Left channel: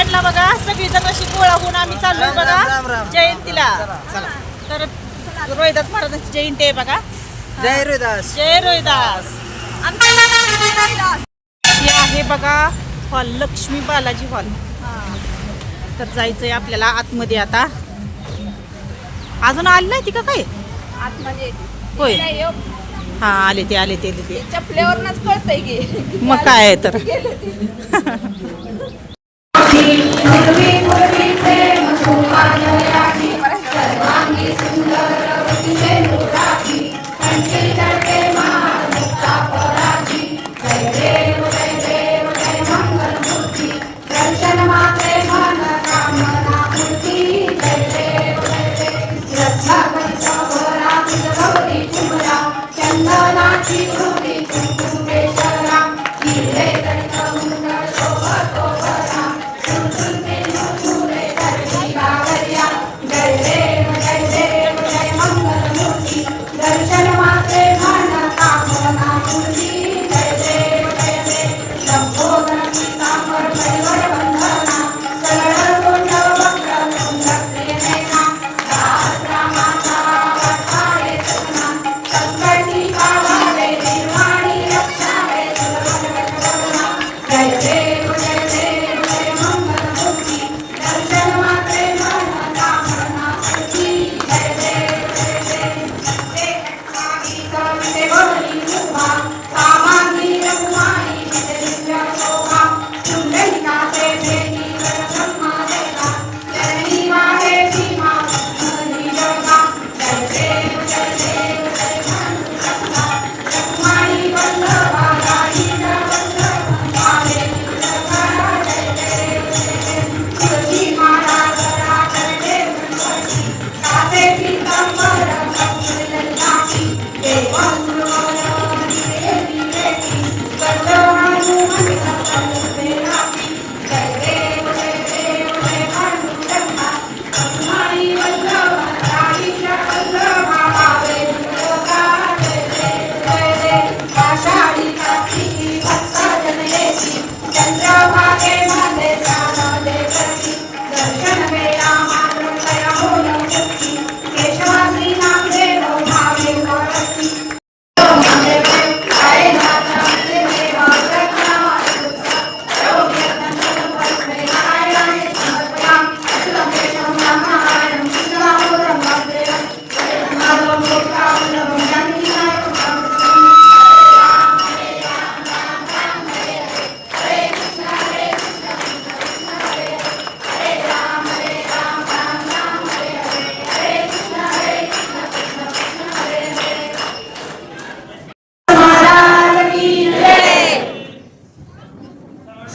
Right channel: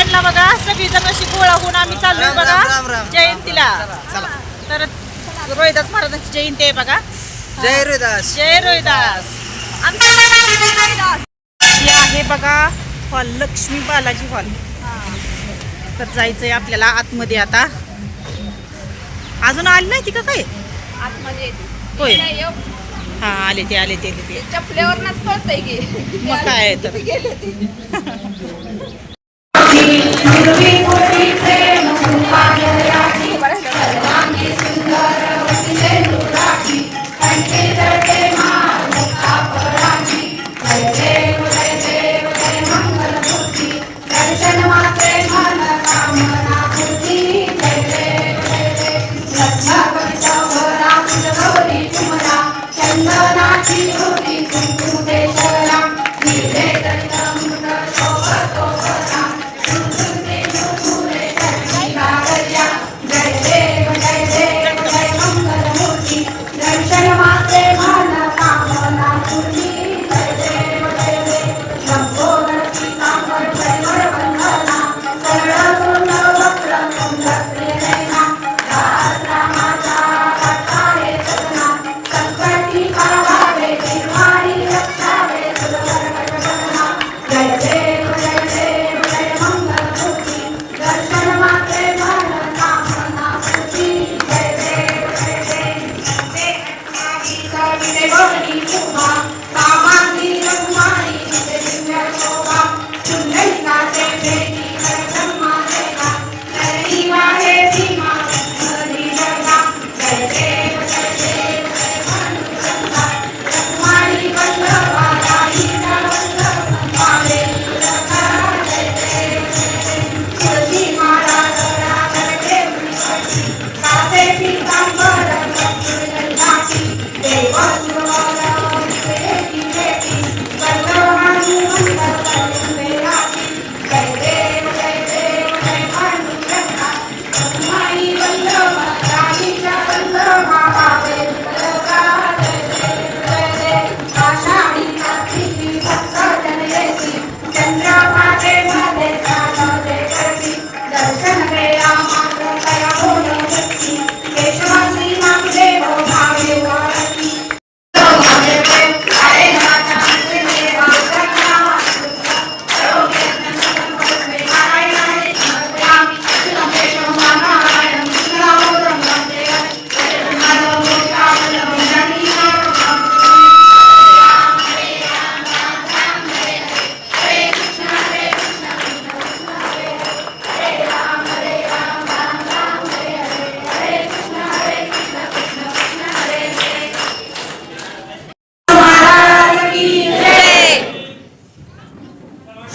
साईडला बघा सगळीजण अशी गोळा होऊन आम्ही चाललोय बघा जयंतीला. तर रोहिदास महाराजांची जयंती आहे बघा. जय रोहिदास. जय रोहिदास. ही आहे बघा हॉल, लक्ष्मी बालाजी हॉल. तर जायचंय आपल्याला आतमध्ये आता. अजून आली नाही ती का काय? होय हा आले ते चपल्यावरच कळतंय की मग काय आहे तर.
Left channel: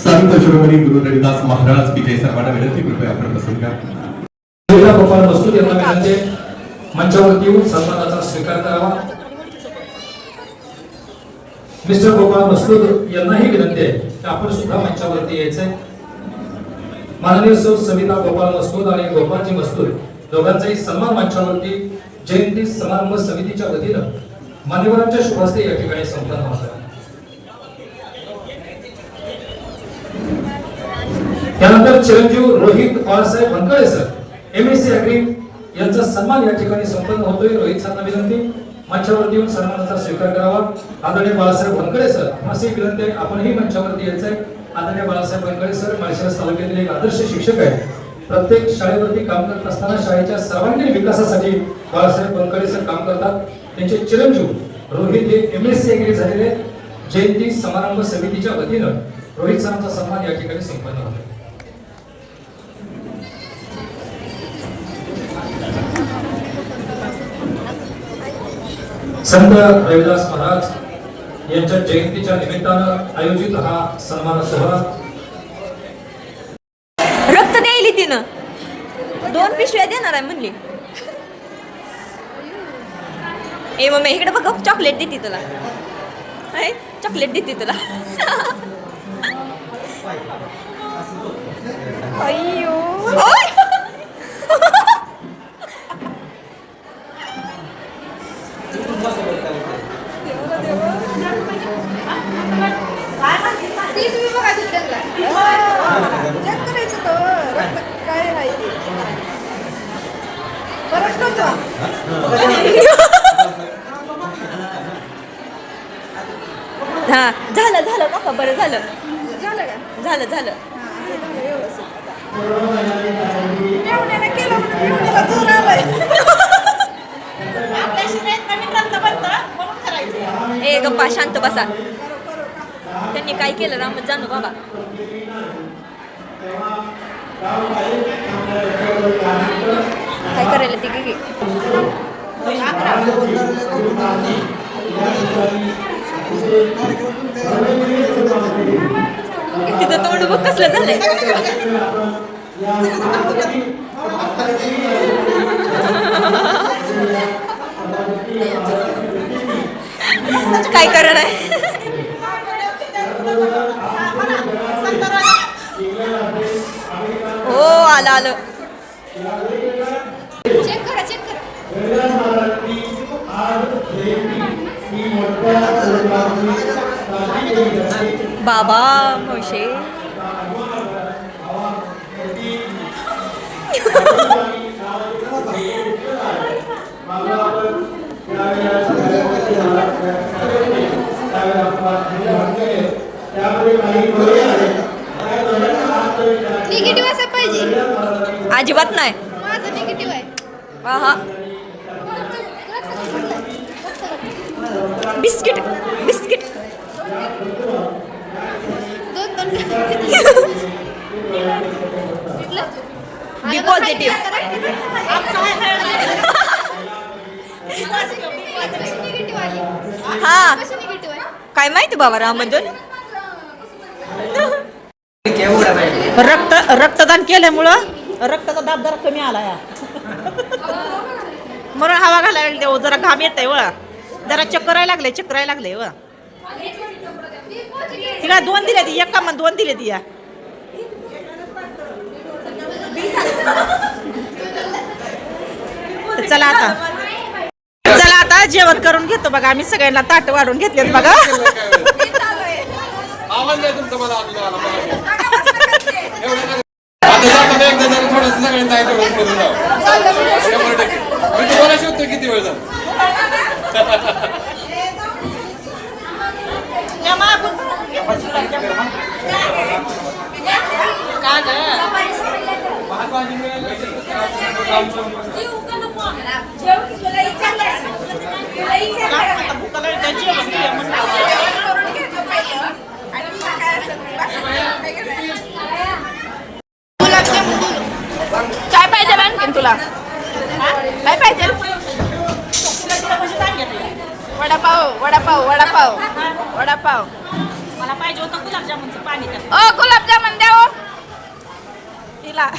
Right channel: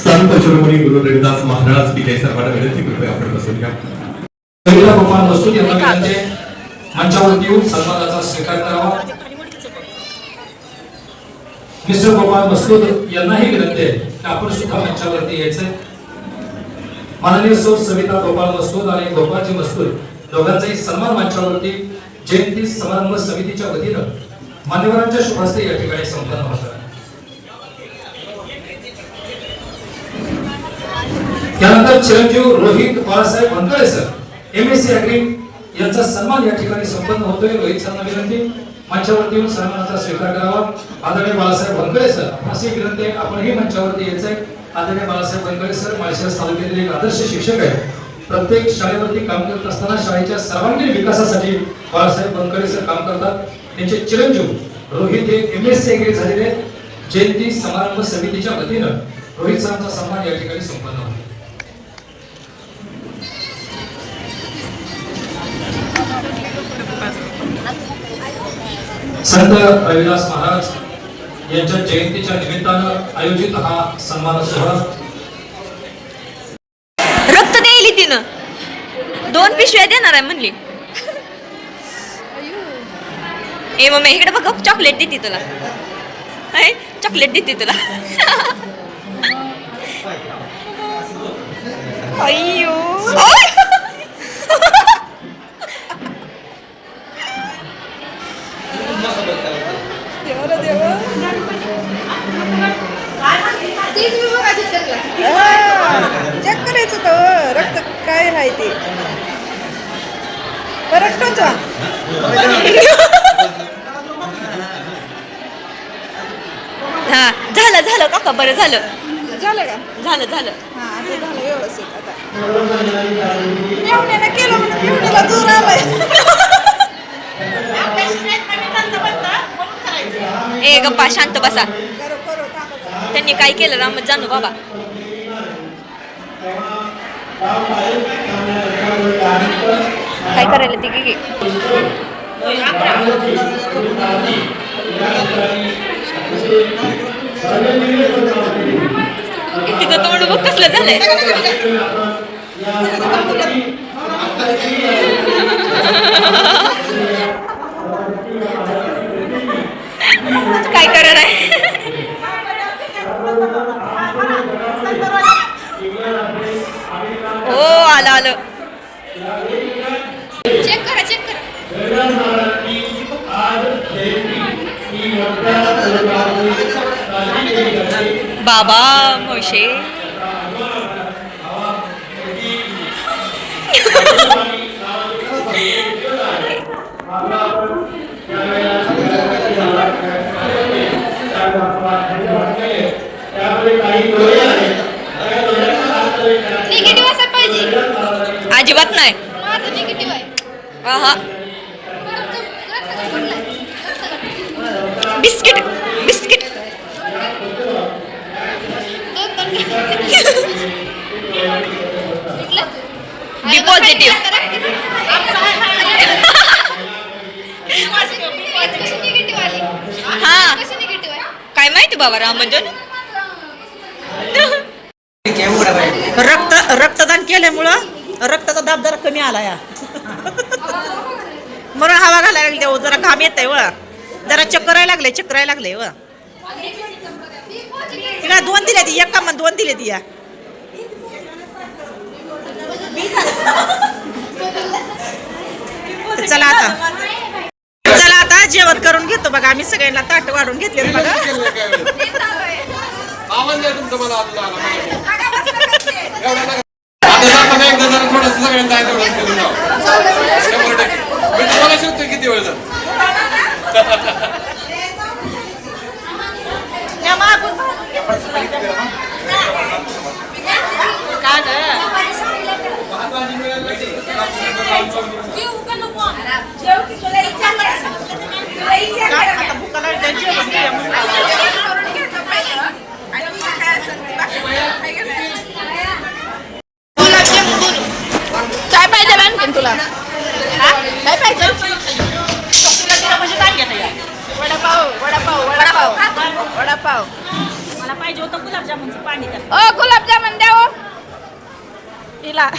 संत शिरोमणी गुरु रविदास महाराज की जय. सर्वांना विनंती, कृपया आपण बसून घ्या. गोपाळ मसूद यांना विनंती मंचावरती येऊन सन्मानाचा स्वीकार करावा. मिस्टर गोपाळ मसूद यांनाही विनंती आहे की आपण सुद्धा मंचावरती यायचे. माननीय सौ सविता गोपाळ मसूद आणि गोपाळजी मसूद दोघांचाही सन्मान मंचावरती जयंती समारंभ समितीच्या वतीनं मान्यवरांच्या शुभ हस्ते या ठिकाणी संपन्न होतात. त्यानंतर चिरंजीव Rohit Balasaheb Vankale sir MSc agri यांचा सन्मान या ठिकाणी संपन्न होतोय. रोहित सरांना विनंती मंचावरती येऊन सन्मानाचा स्वीकार करावा. आदरणीय बाळासाहेब वनकळे सर अशी विनंती आहे आपणही मंचावरती यायचंय. आदरणीय बाळासाहेब वनकळे सर माळशिरस तालुक्यातील एक आदर्श शिक्षक आहेत. प्रत्येक शाळेवरती काम करत असताना शाळेच्या सर्वांगीण विकासासाठी बाळासाहेब वनकळे सर काम करतात. त्यांचे चिरंजीव रोहित हे MSc अग्री झालेले. जयंती समारंभ समितीच्या वतीनं रोहित सरांचा सन्मान या ठिकाणी संपन्न होतो. संत रविदास महाराज यांच्या जयंतीच्या निमित्तानं आयोजित हा सन्मान सोहळा. रक्त द्यायली तिनं 2 पिशव्या देणार आहे म्हणली. ए मम्मी इकडे बघ, चॉकलेट देते तुला. चॉकलेट देते तुला. अय्यो चेक करायचं तर हा झालं झालं काका बरं झालं झालं झालं ए गप्पा शांत बसा त्यांनी काय केलं राम जाणू बाबा काय करायला ती की तिथं तोंड बघ कसलं झालंय काय करणार आहे हो आलं आलं चेक करा चेक करा बाबा मोशे निगेटिव्ह असं पाहिजे. अजिबात नाही माझं निगेटिव्ह आहे. हा बिस्किट बिस्किट बी पॉझिटिव्ह हा काय माहिती बाबा रामजन रक्तदान केल्यामुळं रक्ताचा दाब जरा कमी आला या म्हणून हवा घालायला लागली हो, जरा घाम येत आहे व जरा चक्करायला लागले व तिला 2 दिल्या ती एक कामात 2 दिले ती या तर चला आता जेवण करून घेतो बघा आम्ही सगळ्यांना ताट वाढून घेतले बघा आवाज द्या तुमचा मला आता जाताना एकदा जरा थोडंसं सगळ्यांचा मी तुम्हाला शिकतो किती वेळ आता भुकाला जेवण काय पाहिजे आणखीन तुला काय पाहिजे वडापाव वडापाव वडापाव वडापाव मला पाहिजे होतं गुलाबजामुनचं पाणी ओ गुलाबजामुन द्या ओ तिला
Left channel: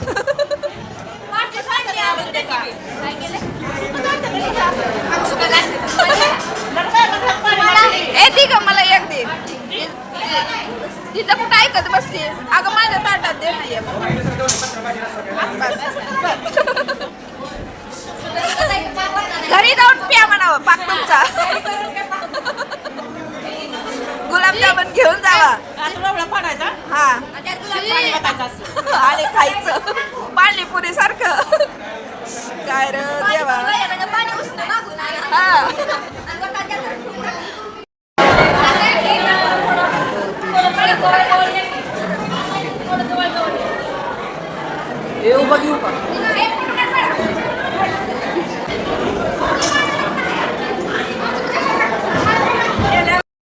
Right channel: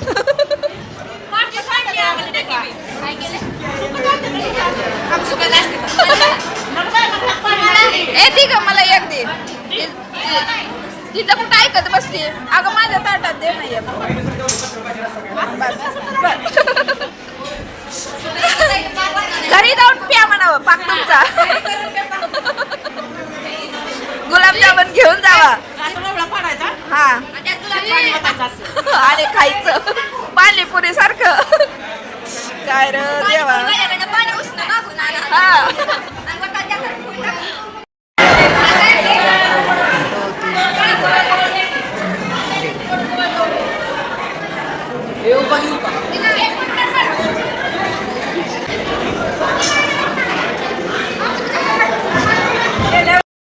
ए ती का मला एक दे तिथं कुठं ऐकत बसते अगं माझ्या ताटात दे नाही घरी जाऊन प्या म्हणावं पाक तुमचा गुलाबजामुन घेऊन जावा असं रवळा पाडायचा हा पाणी ओतायचं असं आणि खायचं पाणीपुरी सारखं काय र देवा हा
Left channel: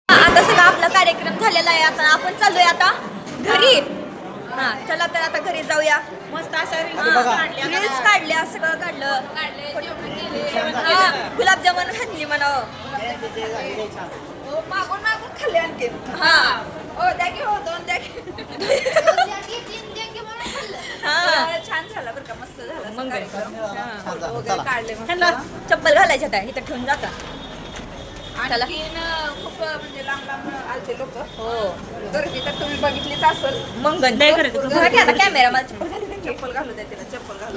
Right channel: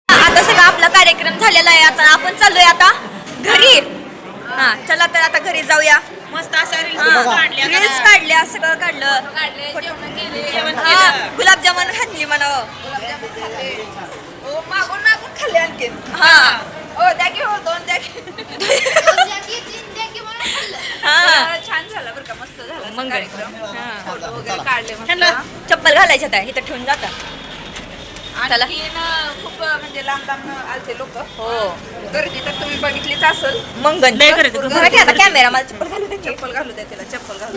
आता सगळा आपला कार्यक्रम झालेला आहे आता आपण चाललोय आता घरी हा चला तर आता घरी जाऊया मस्त अशा रील्स काढल्या सगळं काढलं हा गुलाबजामुन खाल्ली म्हणावं मागून मागून खाल्ले आणखीन हा ओ द्या की हो 2 द्या की हा छान झालं बरं का मस्त झालं मग कार्यक्रम हा. फोटो वगैरे काढले ह्यांना मस्त चप्पल घालायच्यात आहे इथं ठेवून जाता चला. आणखीन खूप म्हणजे लांब लांब आलते लोक हो गर्दी तर तुम्ही बघितलीच असेल मंगन लय गर्दी. बघा की आता कॅमेरा मला चप्पल घालू दे की. चप्पल घालू द्या तिला चप्पल घालू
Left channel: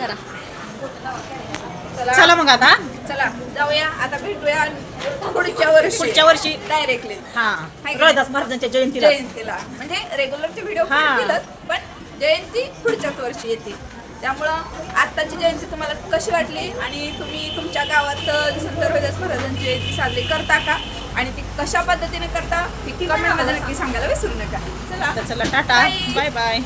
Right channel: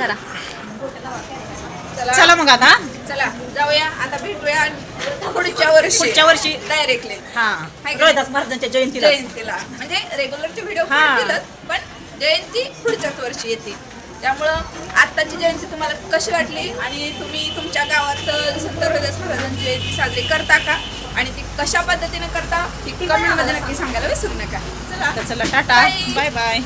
जरा चला मग आता चला जाऊया आता भेटूया पुढच्या वर्षी डायरेक्टली हा रोहिदास महाराजांच्या जयंतीला जयंतीला म्हणजे रेग्युलरचे व्हिडिओ हा. पण जयंती पुढच्याच वर्षी येते त्यामुळं आत्ताची जयंती तुम्हाला कशी वाटली आणि तुम्ही तुमच्या गावात संत रोहिदास महाराजांची जयंती साजरी करता का आणि ती कशा पद्धतीने करता ती कमेंटमध्ये नक्की सांगायला विसरू नका. चला तर चला टाटा, Bye. Bye bye.